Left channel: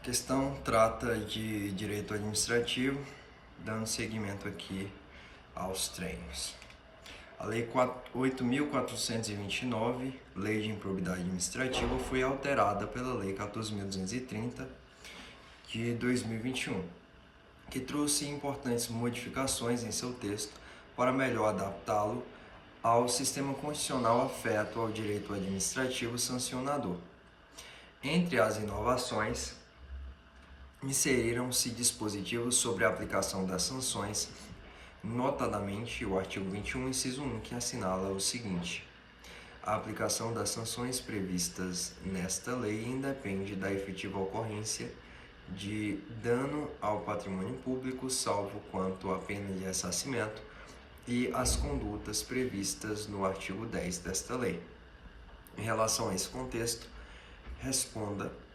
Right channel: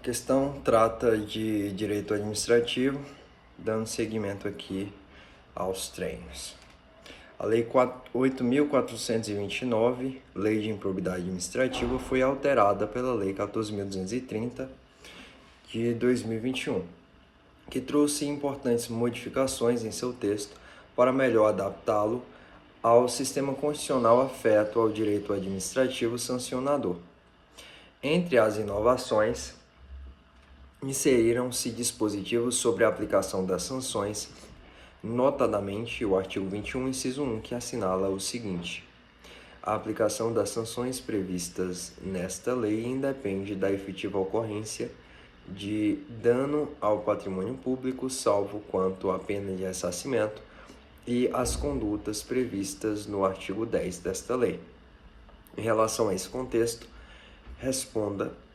A questão trata de direito administrativo, dando seguimento aqui aos treinos. A Lei 8.429, Lei de Improbidade Administrativa, foi alterada pela Lei 14.230 de 2021, que trouxe importantes modificações em seu texto para melhor adaptá-lo ao sistema constitucional afeto ao direito administrativo sancionador. Entre as inovações, inseriram-se dispositivos sobre a aplicação das sanções, notadamente o artigo 21, inciso 1, que assinala o seguinte: a aplicação das sanções previstas nesta lei independe da efetiva ocorrência de dano ao patrimônio público, salvo quanto à pena de ressarcimento e as condutas previstas no artigo 10 desta lei. Em relação a esse contexto,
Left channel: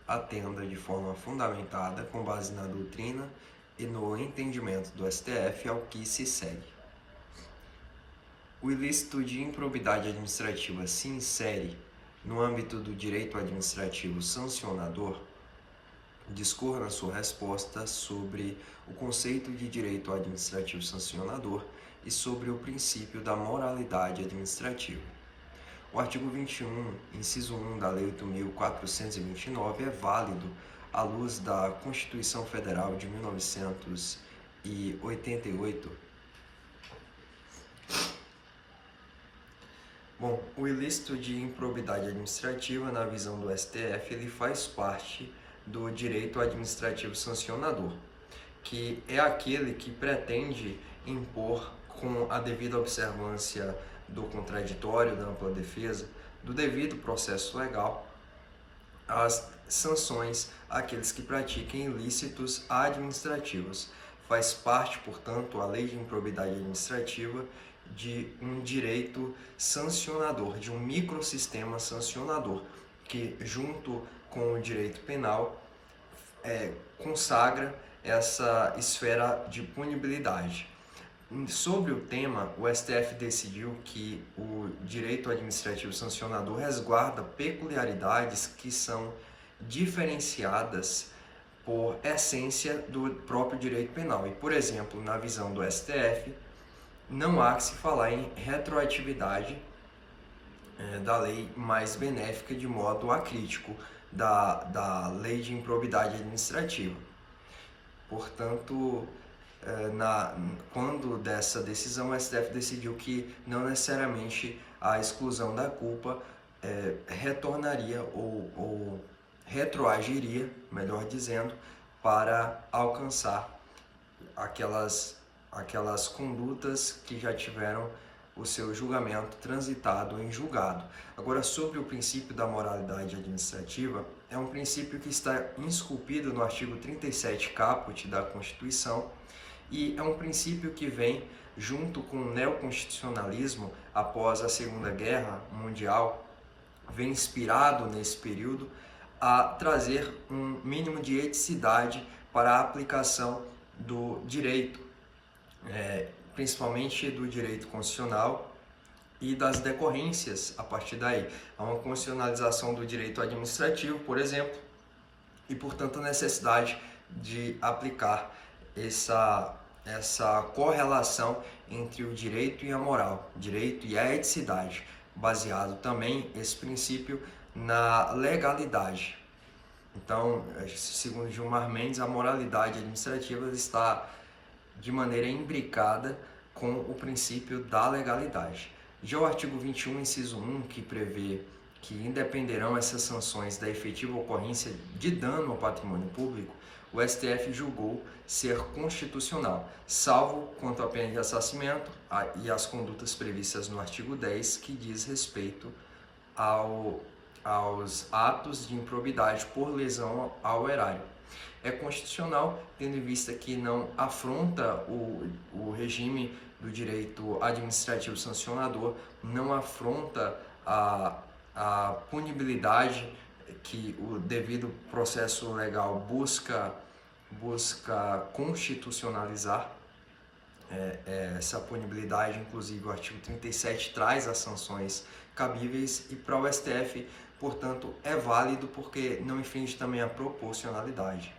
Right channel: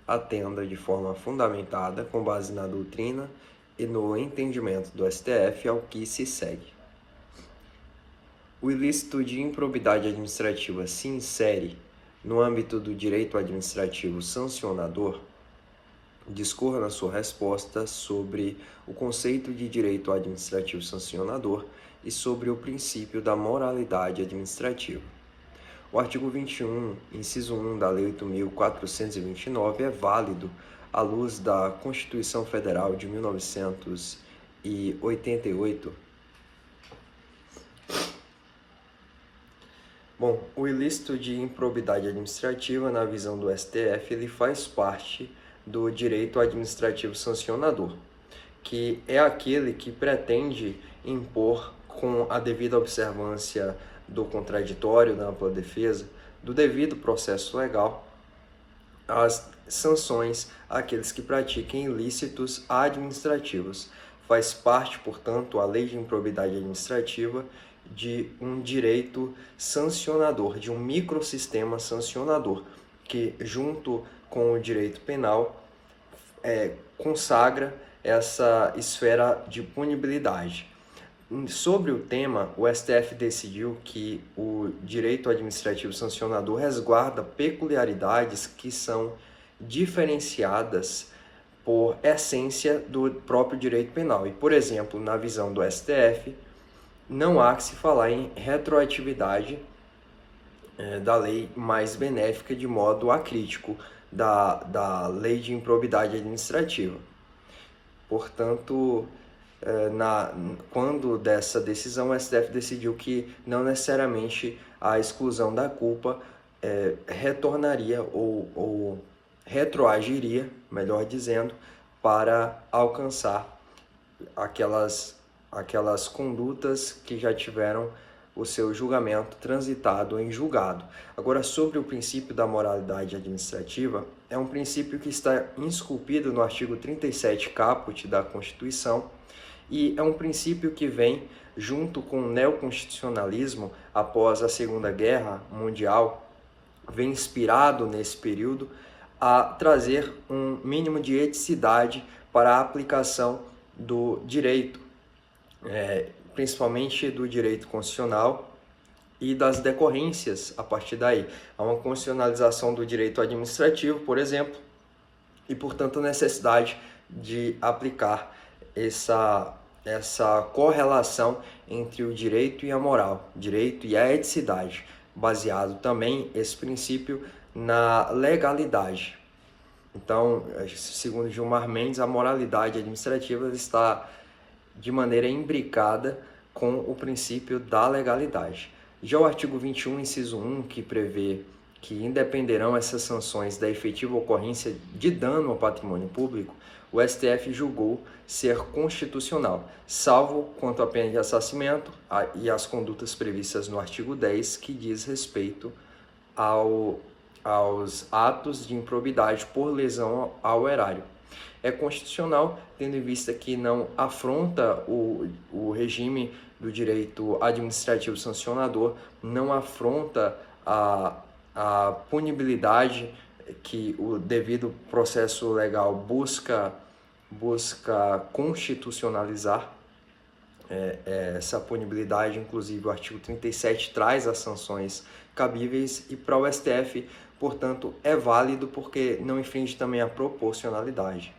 atenda de forma fundamentada, com base na doutrina e no entendimento do STF, ao que se segue. O ilícito de improbidade administrativa se insere no âmbito do direito administrativo sancionador? Discorra na sua resposta sobre o conceito de direito administrativo sancionador e sobre o princípio da moralidade administrativa. O artigo 21, inciso 1 da Lei 8.429 é válido à luz da Constituição Federal de 1988. Bom, o ilícito de improbidade administrativa, na visão do STF, ele faz parte do direito administrativo sancionador, que é aquele que pretende impor, com a devida observância do contraditório, da ampla defesa, do devido processo legal, as sanções àqueles que pratiquem ilícitos administrativos. Faz parte, portanto, a lei de improbidade administrativa de um direito sancionador, de um microsistema sancionador, que, junto com o direito penal, consagra essa esfera de punibilidade. Sobre o tema, o STF decidiu que o direito administrativo sancionador resguarda peculiaridades que são diferenciadas por essência do próprio direito penal. E, por exemplo, na visão do STF, não há que se falar em retroatividade da lei mais benéfica de modo acrítico da lei de improbidade administrativa. Portanto, quando dessa decisão, o STF decidiu que não necessariamente a exclusão da culpa retornaria ou retroagiria, melhor dizendo, para alcançar aquelas condutas que já tiveram o seu julgamento transitado em julgado. Agora, sobre o princípio da moralidade administrativa, é um princípio que está esculpido no artigo 37 caput da Constituição, e é um princípio que vem junto com o neoconstitucionalismo após a Segunda Guerra Mundial, vem inspirado nesse período a trazer um mínimo de eticidade para a aplicação do direito, principalmente do direito constitucional e das decorrências a partir daí. Há uma constitucionalização do direito administrativo, por exemplo, e, portanto, a necessidade de aplicar essa correlação entre o direito e a moral, direito e a eticidade, baseado também esse princípio na legalidade. Então, segundo Gilmar Mendes, a moralidade administrativa está de maneira imbricada com o princípio da legalidade. Já o artigo 21, inciso 1, que prevê que independerão essas sanções da efetiva ocorrência de dano ao patrimônio público, o STF julgou ser constitucional, salvo quanto à pena de ressarcimento e às condutas previstas no artigo 10, que diz respeito aos atos de improbidade por lesão ao erário. É constitucional, tendo em vista que não afronta o regime do direito administrativo sancionador, não afronta a punibilidade que o devido processo legal busca constitucionalizar. Essa punibilidade, inclusive o artigo 37 traz as sanções cabíveis, e para o STF portanto, é válido porque não infringe também a proporcionalidade.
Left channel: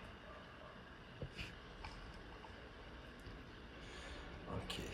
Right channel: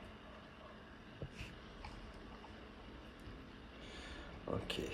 Ok.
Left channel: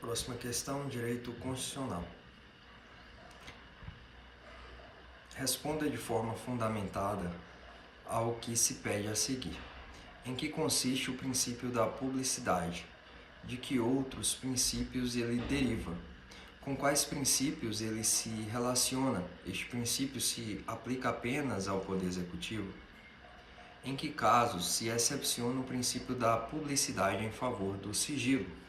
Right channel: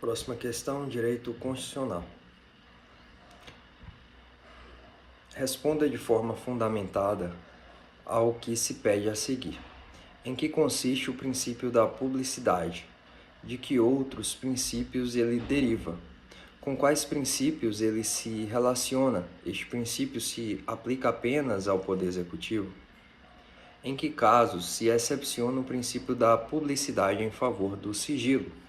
Próxima questão, direito constitucional. Responda de forma fundamentada ao que se pede a seguir. Em que consiste o princípio da publicidade? De que outros princípios ele deriva? Com quais princípios ele se relaciona? Este princípio se aplica apenas ao Poder Executivo? Em que casos se excepciona o princípio da publicidade em favor do sigilo?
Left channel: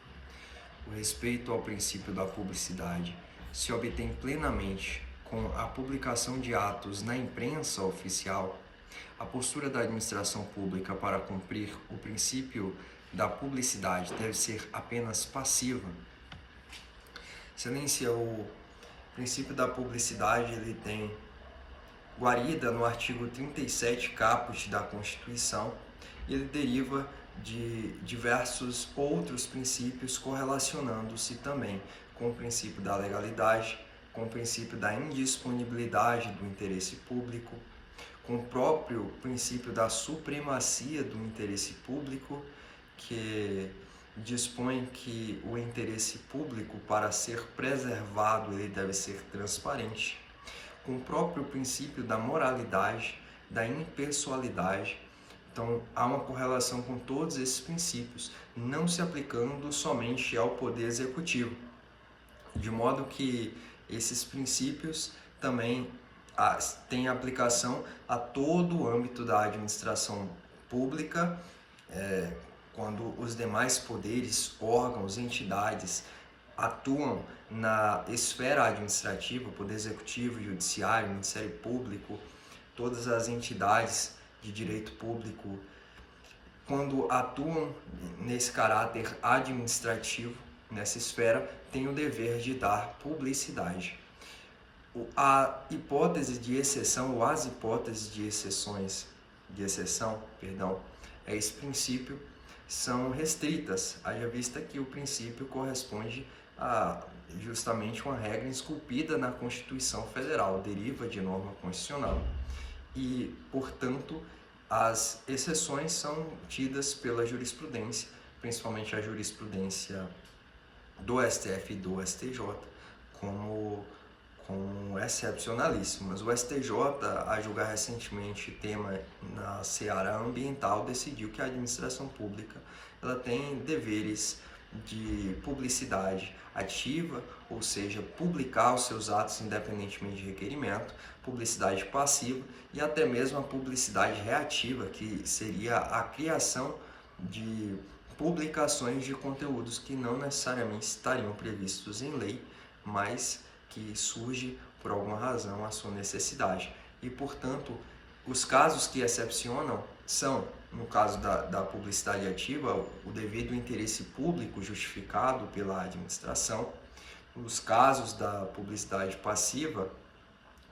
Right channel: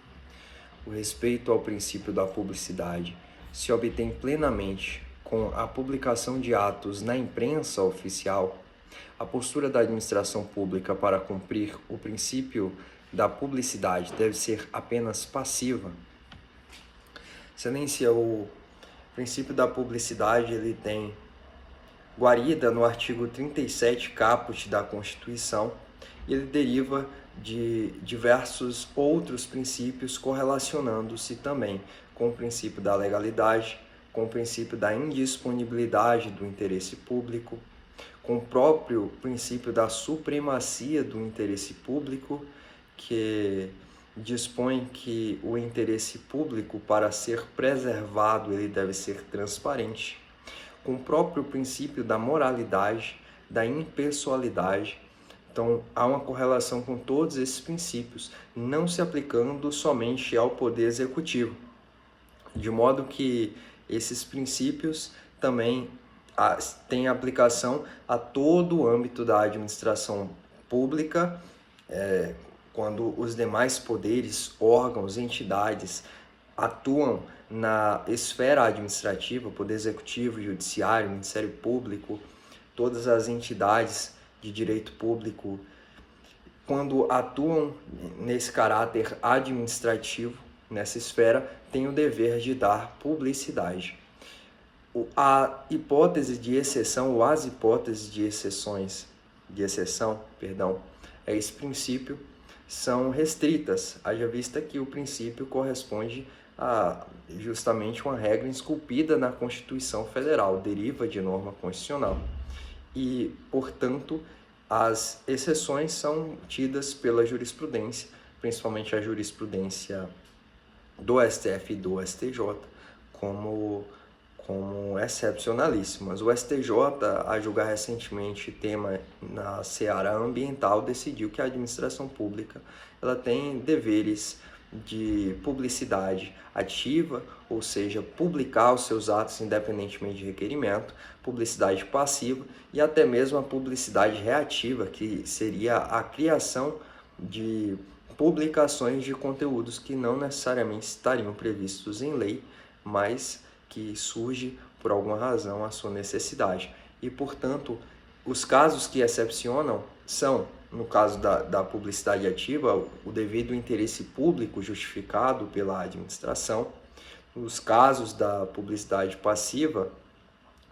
O respeito ao princípio da publicidade se obtém plenamente com a publicação de atos na imprensa oficial. A postura da administração pública para cumprir o princípio da publicidade deve ser apenas passiva. Excelência, o princípio da publicidade ele tem guarida no artigo 37 caput da Constituição. Ele deriva de diversos outros princípios correlacionando-se também com o princípio da legalidade, com o princípio da indisponibilidade do interesse público, com o próprio princípio da supremacia do interesse público, que dispõe que o interesse público, para ser preservado, ele deve ser transparente, com o próprio princípio da moralidade, da impessoalidade. Então, há uma correlação com todos esses princípios, não se aplicando somente ao Poder Executivo, de modo que esses princípios também têm aplicação a todo o âmbito da administração pública, quando os demais poderes, órgãos, entidades atuam na esfera administrativa, Poder Executivo, Judiciário, Ministério Público, todas as entidades de direito público, quando atuam nesse caráter administrativo, nessa esfera, têm o dever de dar publicidade. A hipótese de exceção, ou as hipóteses de exceção, a esse princípio, são restritas, haja vista que o princípio corresponde a justamente uma regra esculpida na Constituição Federal, deriva de norma constitucional. E, portanto, as exceções são tidas pela jurisprudência, principalmente a jurisprudência do STF e do STJ, como excepcionalíssimas. O STJ, a julgar recentemente tema na seara ambiental, decidiu que a administração pública ela tem deveres de publicidade ativa, ou seja, publicar os seus atos independentemente de requerimento, publicidade passiva e até mesmo a publicidade reativa, que seria a criação de publicações de conteúdos que não necessariamente estariam previstos em lei, mas que surge por alguma razão a sua necessidade. E, portanto, os casos que excepcionam são no caso da publicidade ativa, o devido interesse público justificado pela administração. Nos casos da publicidade passiva,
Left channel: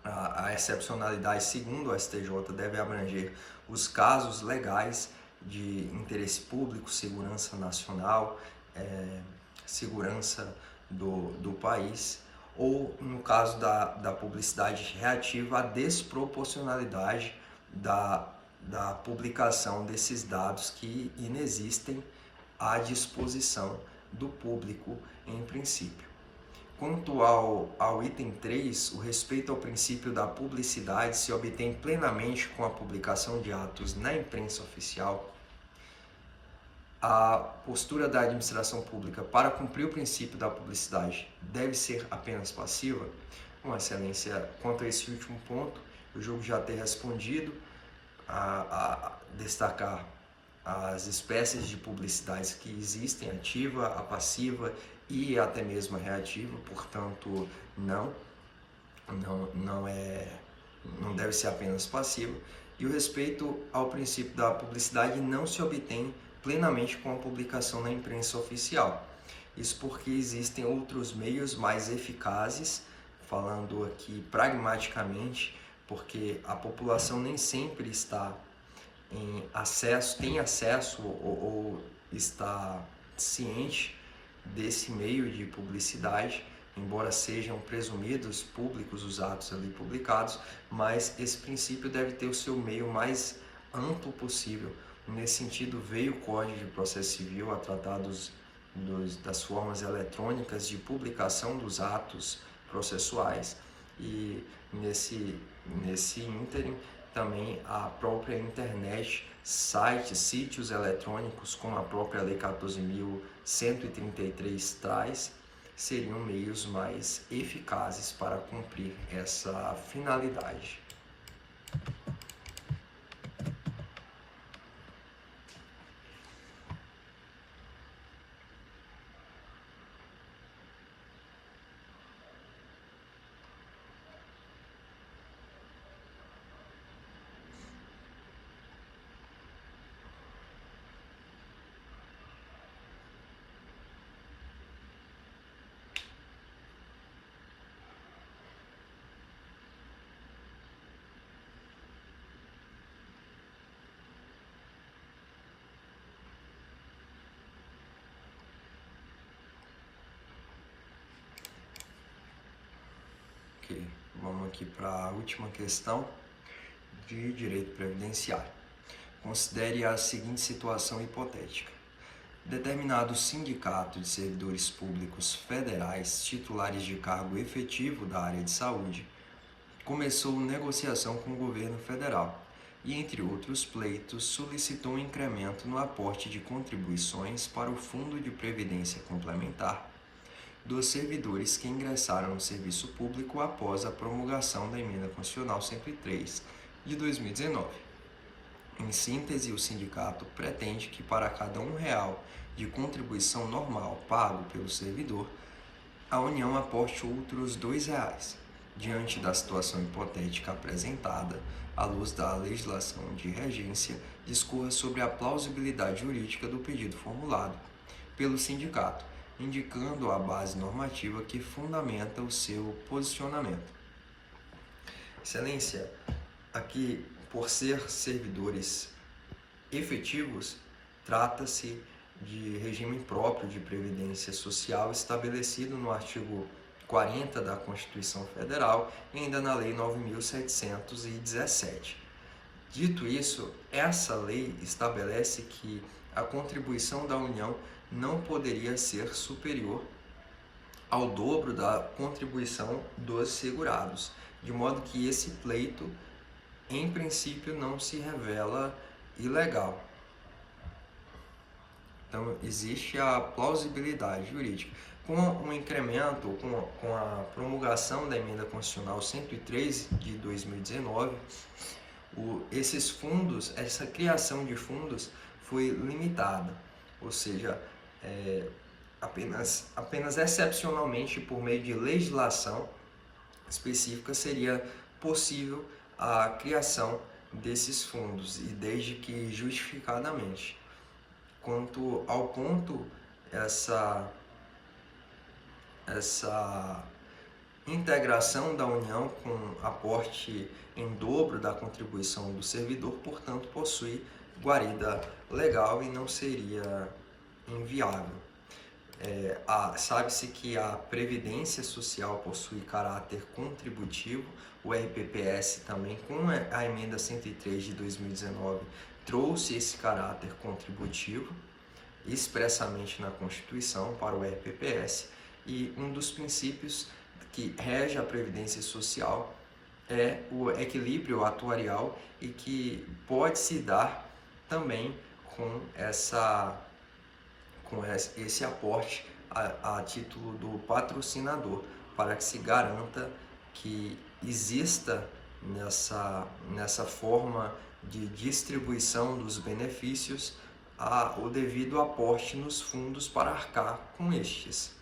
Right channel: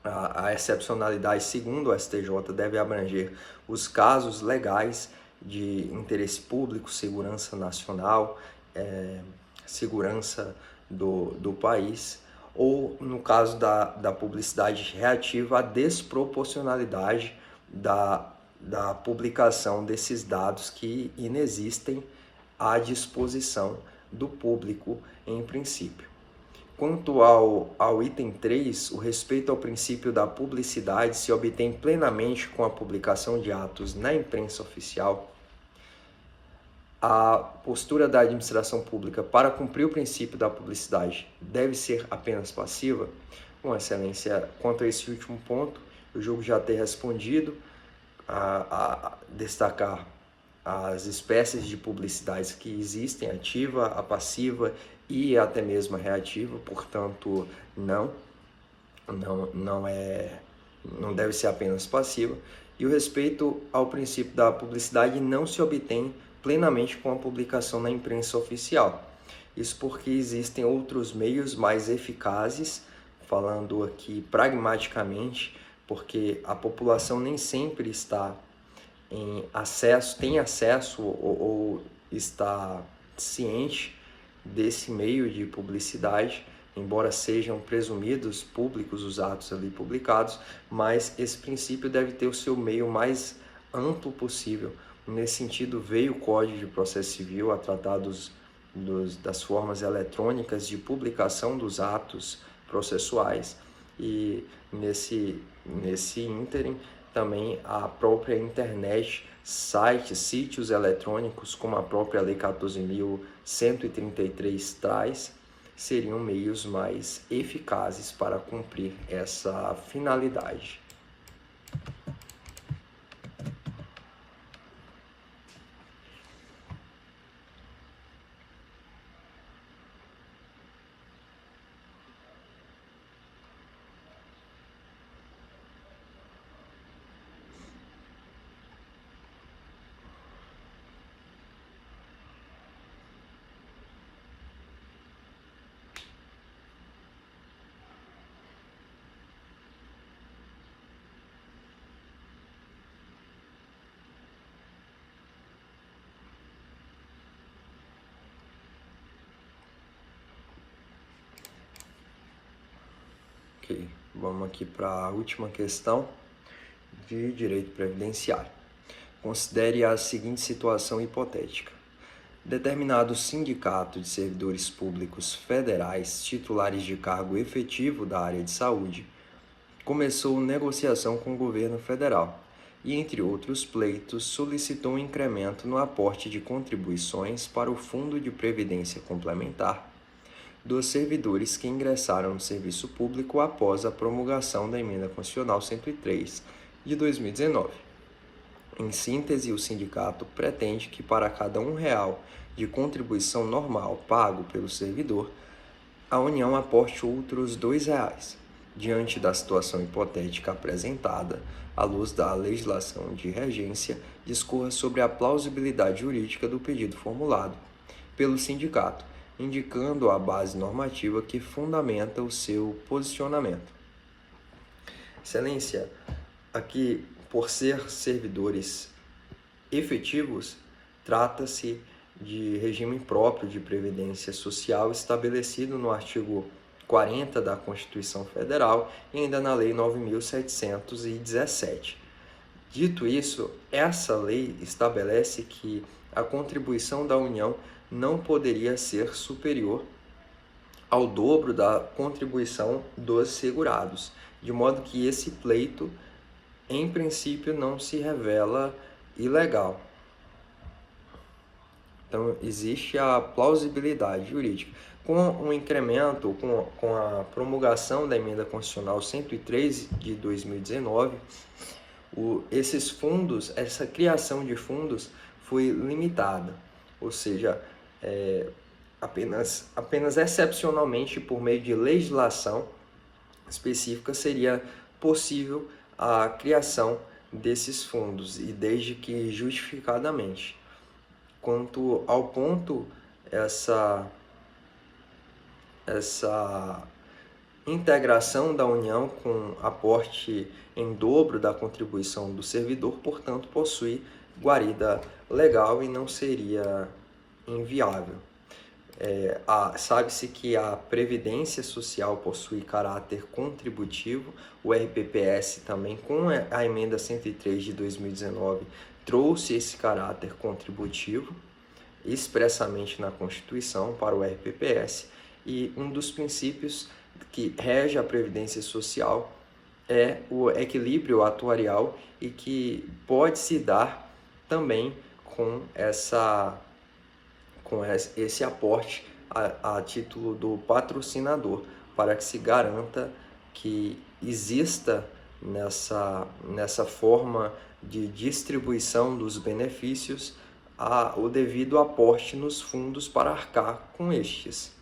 a excepcionalidade, segundo o STJ, deve abranger os casos legais de interesse público, segurança nacional, segurança do país, ou, no caso da publicidade reativa, a desproporcionalidade da publicação desses dados que inexistem à disposição do público em princípio. Quanto ao item 3, o respeito ao princípio da publicidade se obtém plenamente com a publicação de atos na imprensa oficial. A postura da administração pública para cumprir o princípio da publicidade deve ser apenas passiva? Bom, Excelência, quanto a esse último ponto, eu julgo já ter respondido, a destacar as espécies de publicidades que existem, ativa, a passiva e até mesmo a reativa, portanto, não deve ser apenas passiva. E o respeito ao princípio da publicidade não se obtém plenamente com a publicação na imprensa oficial. Isso porque existem outros meios mais eficazes, falando aqui pragmaticamente, porque a população nem sempre está tem acesso ou está ciente desse meio de publicidade, embora sejam presumidos públicos os atos ali publicados, mas esse princípio deve ter o seu meio mais amplo possível. Nesse sentido, veio o Código de Processo Civil a tratar das formas eletrônicas de publicação dos atos processuais, e nesse ínterim também a própria internet, sites, sítios eletrônicos, como a própria Lei 14.133 traz, seriam meios mais eficazes para cumprir essa finalidade. Vamos aqui para a última questão de direito previdenciário. Considere a seguinte situação hipotética. Determinado sindicato de servidores públicos federais titulares de cargo efetivo da área de saúde começou negociação com o governo federal e, entre outros pleitos, solicitou um incremento no aporte de contribuições para o Fundo de Previdência Complementar dos servidores que ingressaram no serviço público após a promulgação da Emenda Constitucional 103 de 2019. Em síntese, o sindicato pretende que para cada R$1 de contribuição normal pago pelo servidor, a União aporte outros R$2. Diante da situação hipotética apresentada, à luz da legislação de regência, discorra sobre a plausibilidade jurídica do pedido formulado pelo sindicato, indicando a base normativa que fundamenta o seu posicionamento. Excelência, aqui, por ser servidores efetivos, trata-se de regime próprio de previdência social estabelecido no artigo 40 da Constituição Federal e ainda na Lei 9.717. Dito isso, essa lei estabelece que a contribuição da União não poderia ser superior ao dobro da contribuição dos segurados, de modo que esse pleito, em princípio, não se revela ilegal. Então, existe a plausibilidade jurídica. Com o incremento, com a promulgação da Emenda Constitucional 103 de 2019, esses fundos, essa criação de fundos foi limitada, ou seja, apenas excepcionalmente por meio de legislação específica seria possível a criação desses fundos e desde que justificadamente. Quanto ao ponto, essa integração da União com aporte em dobro da contribuição do servidor, portanto, possui guarida legal e não seria inviável. Sabe-se que a Previdência Social possui caráter contributivo, o RPPS também, com a emenda 103 de 2019, trouxe esse caráter contributivo expressamente na Constituição para o RPPS, e um dos princípios que rege a Previdência Social é o equilíbrio atuarial e que pode se dar também com esse aporte a título do patrocinador, para que se garanta que exista nessa forma de distribuição dos benefícios o devido aporte nos fundos para arcar com estes.